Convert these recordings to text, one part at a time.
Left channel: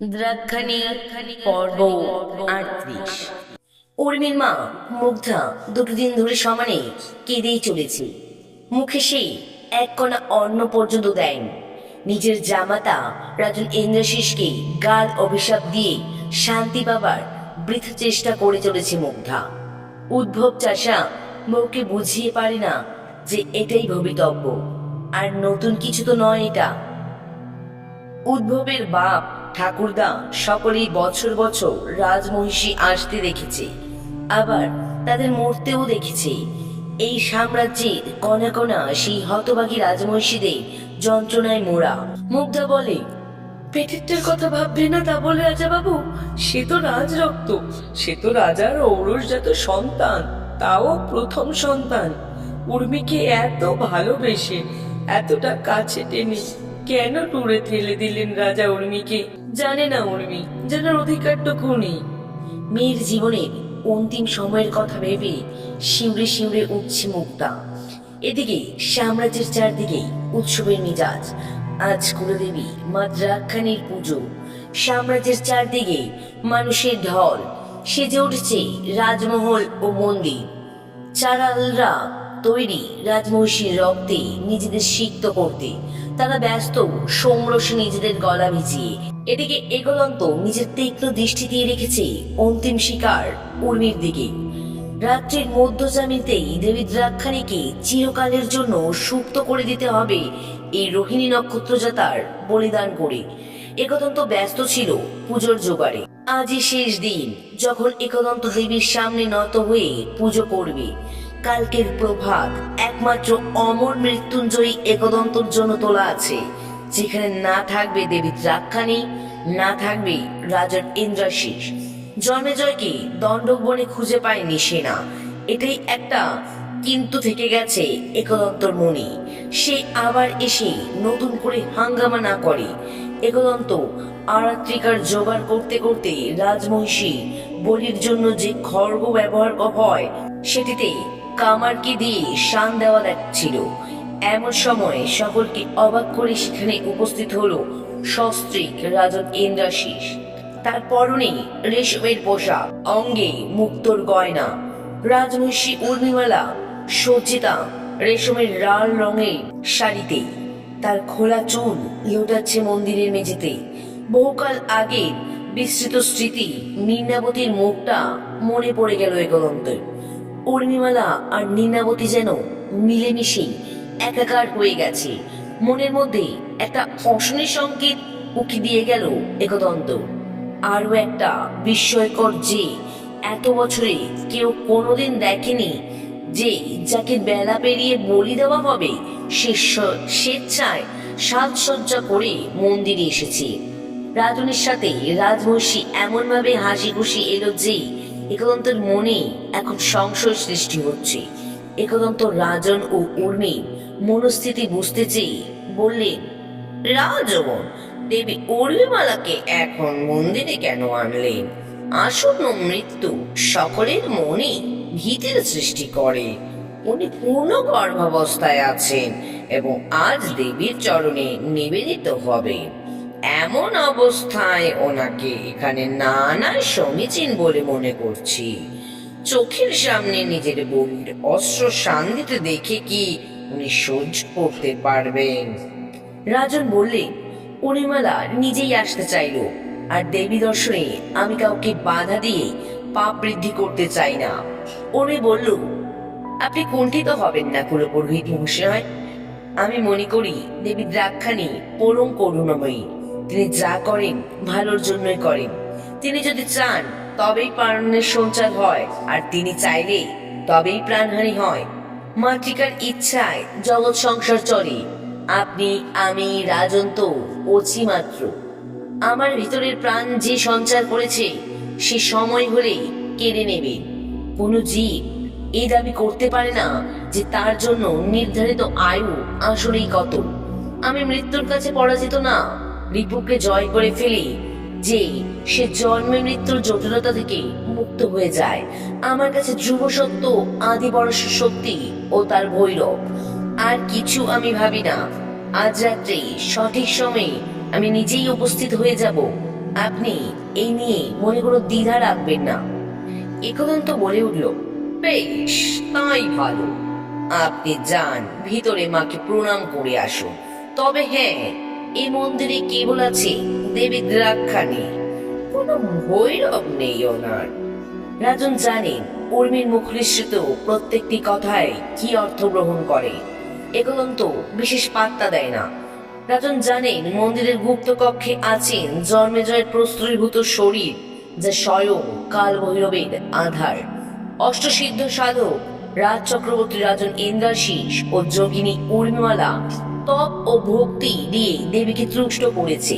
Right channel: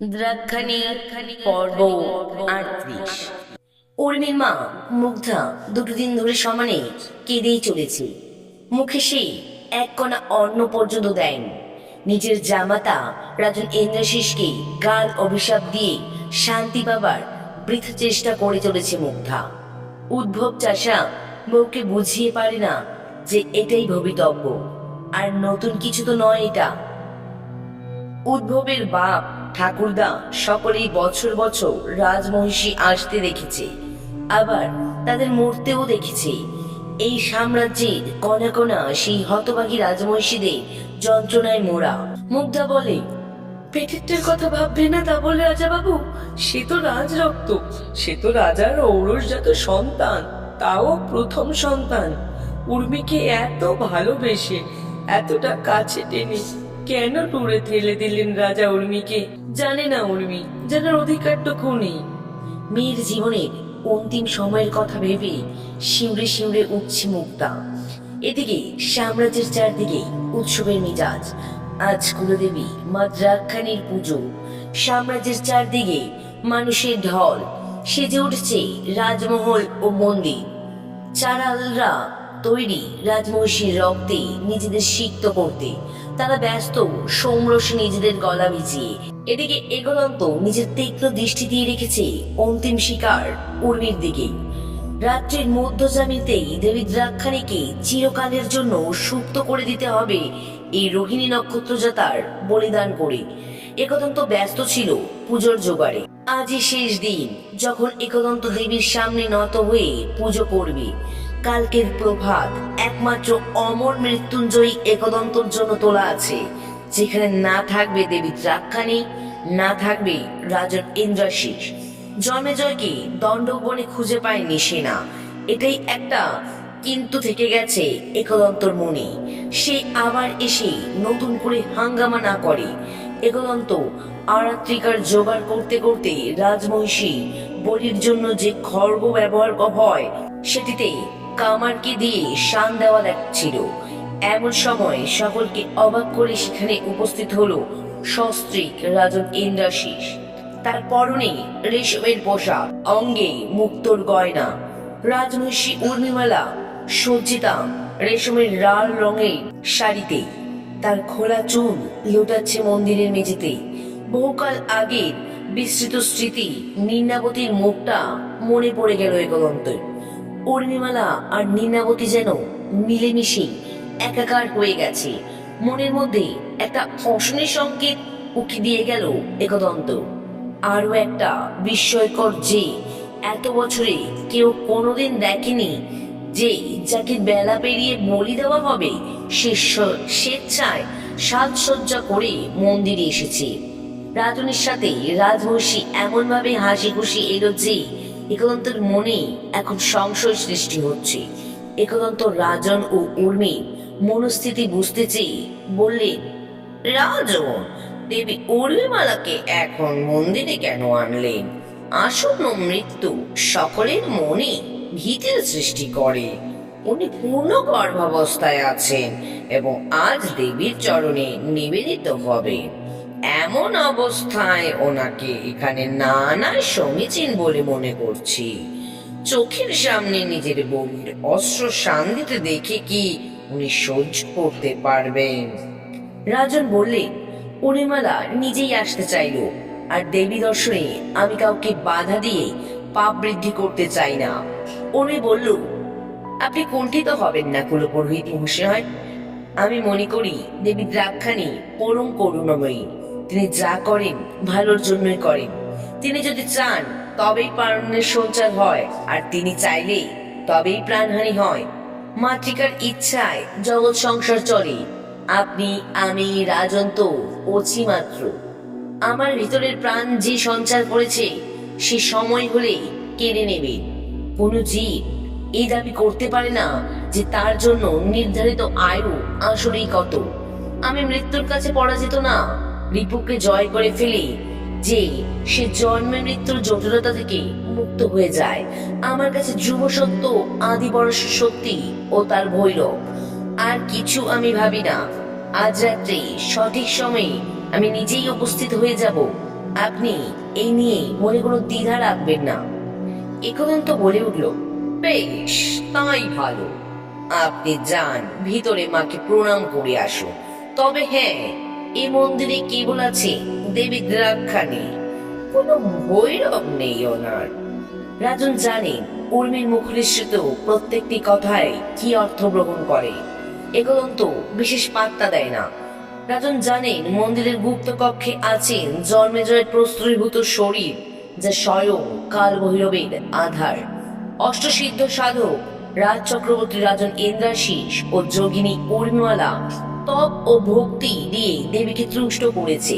দ্রাক্ষানি পর্ব 38। উর্মির মা মুগ্ধা দুটো দিন ধরে সমানে কেঁদেই চলেছে। মুখে সে এক কণা অন্ন পর্যন্ত দেয়নি। নিজের জামাতা রাজন ইন্দ্রাশিসকে গাল অভিশাপ দিয়ে শান্তি পাবার বৃথা চেষ্টা করে চলেছে মুগ্ধা। উদ্ভব চাষা বউকে বুঝিয়ে পারে না যে এটাই ভবিতব্য, আর নতুন কিছু তো নয় এটা। উদ্ভবের বাপ ঠাকুরদা সকলেই বছর বছর রাজমহিষী আসতে দেখেছে, আবার তাদের মরতেও দেখেছে। এই সাম্রাজ্যের কণা কণা সেই হতভাগী রাজমহিষীদের যন্ত্রণায় মোড়া। মুগ্ধা বলে, পেটেরটার কথা ভাববে না তা বলে রাজা বাবু, সে তো রাজ রক্ত, সে তো রাজার ঔরসজাত সন্তান, তাও প্রথম সন্তান। উর্মিকে এত ভালোবেসে এতটা কাছে টেনে কেন দূরে ঠেলে দিলেন রাজা উর্মিকে? জানে না উর্মি, জানার অধিকারটুকু নেই। মেয়ের জীবনের অন্তিম সময়ের কথা ভেবে শিউরে শিউরে উঠছে মুগ্ধা। এদিকে সাম্রাজ্যের চারদিকে উৎসবের মেজাজ। আজ কুলদেবী মা দ্রাক্ষানির পুজো। সাম্রাজ্যের চারদিকে মানুষের ঢল। সেজে উঠছে রাজমহল ও মন্দির। চারালরা তৈরি রাজমহিষীর রক্তে নিজেদের সিক্ত করতে। তারা ব্যস্ত সোমরসে নিজেদের গলা ভিজিয়ে। এদিকে একদন্ত নিজের তীক্ষ্ণ দৃষ্টি দিয়ে রেখেছে অন্তিম শিকার উর্মির দিকে। রাত্রির মধ্যযামিতেই দেবী দ্রাক্ষাণীকে চিরকালের জন্য সুপ্ত করে দিতে হবে এই রোহিণী নক্ষত্রজাতার বলিদান করে। একদন্ত ব্যস্ত ছিল পুজোর জোগাড়ে। আজই শেষ দিন যখন একদন্ত দেবীর সামনে নত হয়ে পুজো করবে। কালকের প্রভাত একমাত্র অমর মৃত্যুঞ্জয়ী একদন্তর জন্য তোলা আছে, যেখানে না থাকবে দেবী দ্রাক্ষাণী, না থাকবে রাজার ইন্দ্রাশিস। জন্মেজয়কে দণ্ডক বনে খুঁজে পায়নি সেনা, এটাই একটা কিন্তু থেকে গেছে একদন্তর মনে। সে আবার এসে নতুন করে হাঙ্গামা না করে। একদন্ত আরাত্রিকার জোগাড় করতে করতে রাজমহিষী বলির জন্য যে খড়গ ব্যবহার হয় সেটিতে কামারকে দিয়ে শান দেওয়া ছিল। এমন সময় সকলকে অবাক করে সেখানে উপস্থিত হলো সস্ত্রীক রাজন ইন্দ্রাশিস। তার পরনে রেশমের পোশাক, অঙ্গে মুক্তোর গয়না। রাজমহিষী উর্মিমালা সজ্জিতা রেশমের লাল রঙের শাড়িতে। তার খোলা চুল লোটাচ্ছে মন্দিরের মেঝেতে। বহুকাল আগের বিস্তৃত স্মৃতি নীনাবতীর মুখটা মনে পড়ে গেল একদন্তের। উর্মিমালা আর নীনাবতী যেন মিলেমিশে একাকার হয়ে গেছে। মনের মধ্যে একটা অশনি সংকেত উকি দিয়ে গেল একদন্ত। আরো একটা বিস্ময়কর যে এত বছরে কেউ কোনোদিন দেখেনি যে যাকে বেলা পেরিয়ে বলি দেওয়া হবে সে স্বেচ্ছায় সাজসজ্জা করে মন্দিরে এসেছে। রাজনের সাথে রাজমহিষী এমন ভাবে হাসি খুশি এলো যে একদন্তের মনে এখন সংশয় সৃষ্টি হচ্ছে। একদন্ত রাজন ও উর্মির মনস্থিতি বুঝতে চেয়ে বললে, রাজন, দেবী উর্মিমালাকে এখন মন্দিরে কেন আনলেন? আসন্ন মৃত্যু সকলের মনে ভীতির সৃষ্টি করে। উনি পূর্ণ গর্ভাবস্থায় আছেন এবং আজ দেবীর চরণে নিবেদিত হবে। এমন অবস্থায় ওনাকে এখানে না আনাই সমীচীন বলে মনে করছি। চোখের সামনে নিজের বউয়ের অস্ত্র শান দিতে দেখে কি উনি সহ্য করতে পারবেন? রাজন বললে, উর্মিমালা নিজেই আসতে চাইল, আর দেবী দর্শনে আমি কাউকে বাধা দিয়ে পাপ বৃদ্ধি করতে চাই না। উর্মি বলল, আপনি কুণ্ঠিত হবেন না কুলপুরোহিত মহাশয়। আমি মনে করি দেবী দ্রাক্ষাণী পরম করুণাময়ী। তিনি যা করেন ভালোর জন্যই করেন। তিনি যদি চান তবেই প্রাণের সঞ্চার হয়, আর তিনি চাইলে তবেই প্রাণহানি হয়। মাতৃকার ইচ্ছায় জগৎ সংসার চলে। আপনি, আমি, রাজন তো অছি মাত্র। আমার ভিতরের প্রাণ যে সঞ্চার করেছে সে সময় হলেই কেড়ে নেবে। কোনো জীব এই দাবি করতে পারে না যে তার জন্য নির্ধারিত আয়ু আসলেই কত। আমি মৃত্যুর কাছে পরাজিত না, রিপুকে জয় করে ফেলি যে সে জন্মে মৃত্যুর জটিলতা থেকে মুক্ত হয়ে যায়। আমার কাছে ধ্রুব সত্য, আদি পরাশর শক্তি ও তার ভৈরব। আর কিছু আমি ভাবি না। আজ রাত্রে সঠিক সময়ে আমি নিজেই উপস্থিত হয়ে যাব আপনি এই নিয়ে মনে কোনো দ্বিধা রাখবেন না। একদন্ত বলে উঠল, বেশ, তাই ভালো। আপনি যান, ভিতরে মাকে প্রণাম করে আসুন। তবে হ্যাঁ, এই মন্দিরে কেবল আছে দেবী দ্রাক্ষাণী, কোনো ভৈরব নেই ওনার। রাজন জানেন উর্মির মুখনিসৃত প্রত্যেকটি কথায় কি অর্থ গ্রহণ করে। একদন্ত বিশেষ পাত্তা দেয় না। রাজন জানেন মন্দিরের গুপ্ত কক্ষে আছেন জন্মেজয়ের প্রস্তুতিভূত শরীর, যা স্বয়ং কাল ভৈরবের আধার। অষ্টসিদ্ধ সাধক রাজ চক্রবর্তী রাজন ইন্দ্রাশিস ও যোগিনী উর্মিমালা তপ ও ভক্তি দিয়ে দেবীকে তুষ্ট করেছে।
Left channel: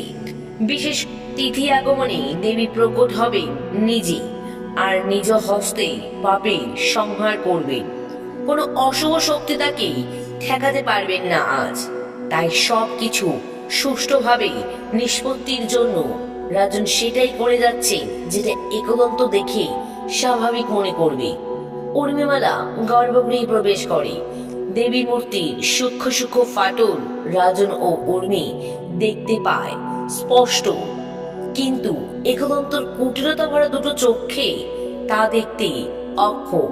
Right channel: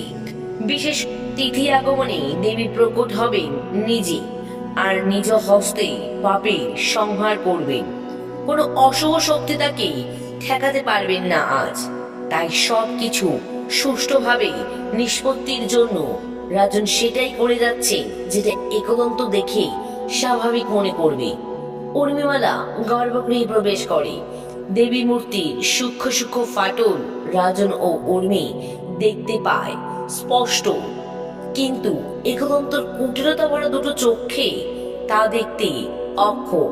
বিশেষ তিথি আগমনে দেবী প্রকট হবেন নিজে, আর নিজ হস্তে পাপের সংহার করবেন। কোনো অশুভ শক্তি তাকে ঠেকাতে পারবেন না আজ। তাই সবকিছু সুষ্ঠুভাবে নিষ্পত্তির জন্য রাজন সেটাই করে যাচ্ছে যেটা একদন্ত দেখে স্বাভাবিক মনে করবে। উর্মিমালা গর্ভগৃহে প্রবেশ করে। দেবী মূর্তির সূক্ষ্ম সূক্ষ্ম ফাটল রাজন ও উর্মি দেখতে পায় স্পষ্ট, কিন্তু একদন্তর কুটিরতা ভরা দুটো চোখে তা দেখতে অক্ষম।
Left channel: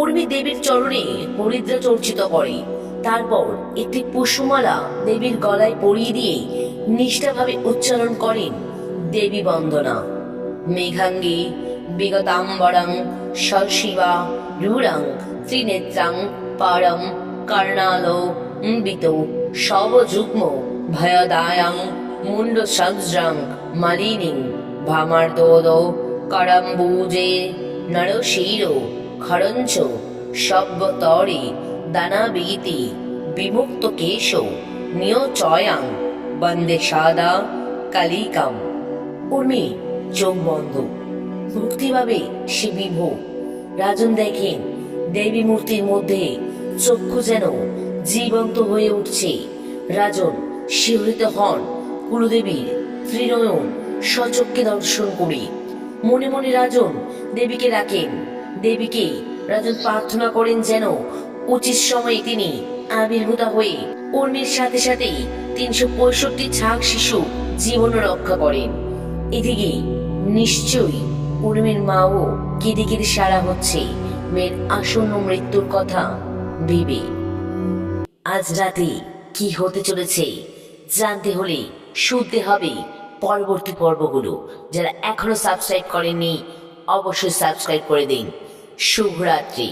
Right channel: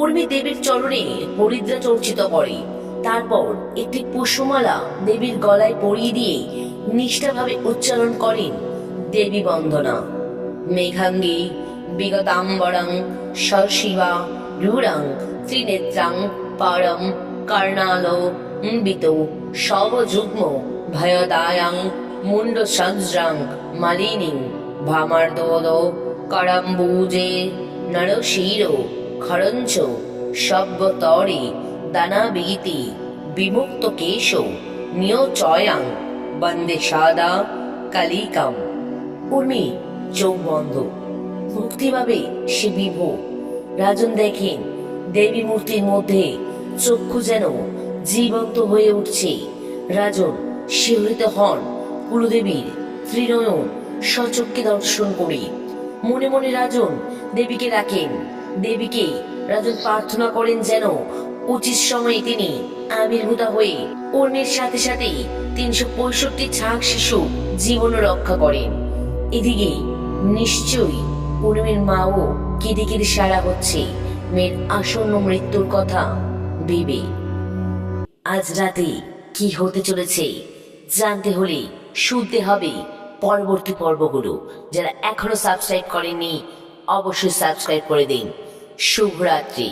উর্মি দেবীর চরণে হরিদ্রা চর্চিত করে, তারপর একটি পুষ্পমালা দেবীর গলায় পরিয়ে দিয়ে নিষ্ঠাভাবে উচ্চারণ করেন দেবী বন্দনা। মেঘাঙ্গী বিগতাম্বরং সশিবা রূঢ়ং ত্রিনেত্রাং পারং কর্ণালো বিত শবযুগ্ম ভয়দায়াং মুন্ড সজ্রাং মালিনীং ভামার্দোদ করম্বুজে নরশির খরঞ্চ সব্যতরে দানাবীতি বিমুক্ত কেশ নিয়োচয়াং বন্দে সাদা কালিকাম। উর্মি চোখ বন্ধ, ভক্তিভাবে সে বিভোর। রাজন দেখেন দেবী মূর্তির মধ্যে চক্ষু যেন জীবন্ত হয়ে উঠছে। রাজন শিহরিত হন কুলদেবীর ত্রিনয়ন সচক্ষে দর্শন করে। মনে মনে রাজন দেবীকে ডাকেন। দেবীকে রাজন প্রার্থনা করেন যেন উচিত সময়ে তিনি আবির্ভূতা হয়ে উর্মির সাথে সাথে 365 ছাগ শিশু জীবন রক্ষা করেন। এদিকে নিশ্চয়ই উর্মির মাও কেঁদে কেঁদে সারা হচ্ছে মেয়ের আসন্ন মৃত্যুর কথা ভেবে। আজ রাতে কি হতে চলেছে জানতে হলে শুনতে হবে পরবর্তী পর্বগুলো। যারা এখনো সাবস্ক্রাইব করেননি অবশ্যই সাবস্ক্রাইব করে দিন। শুভরাত্রি।